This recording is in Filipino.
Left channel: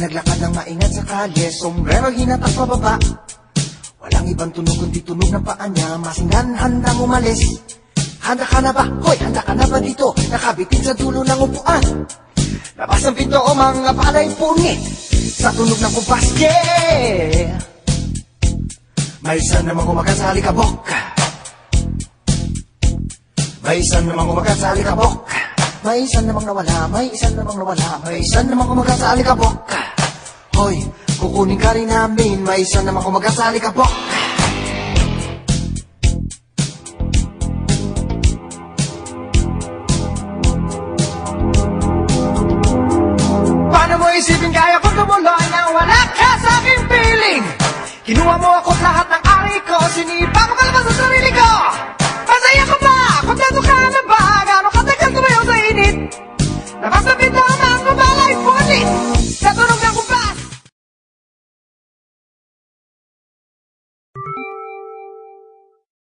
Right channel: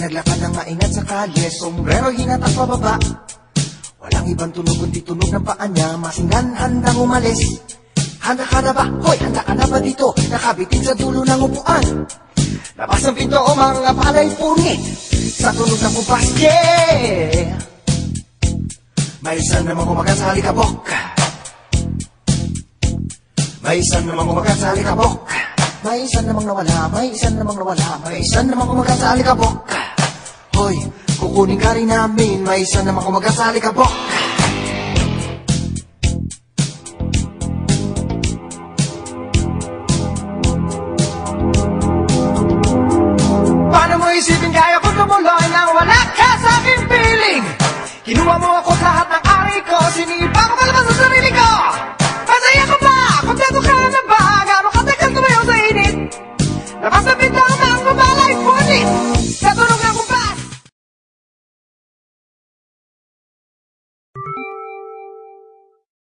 Naglakad ng maingat sa kalye, sombrero hinatas pababa. Walang ibang tunog kundi tunog ng paa niya. Masinggan, handang umalis. Handa ka na ba? Hoy, handa ka na ba dito? Nakabitin sa dulo ng upuan. Labas ang pinto o mga palay pungit sa tunog ng kumpas, yeah! May isang namang umagat sa alikabok. May isang namang umagat sa alikabok. May isang namang nawala, may isang namang nawala, may isang namang umagat sa alikabok. Hoy, kukunin ka rin namin, may isang namang umagat sa alikabok.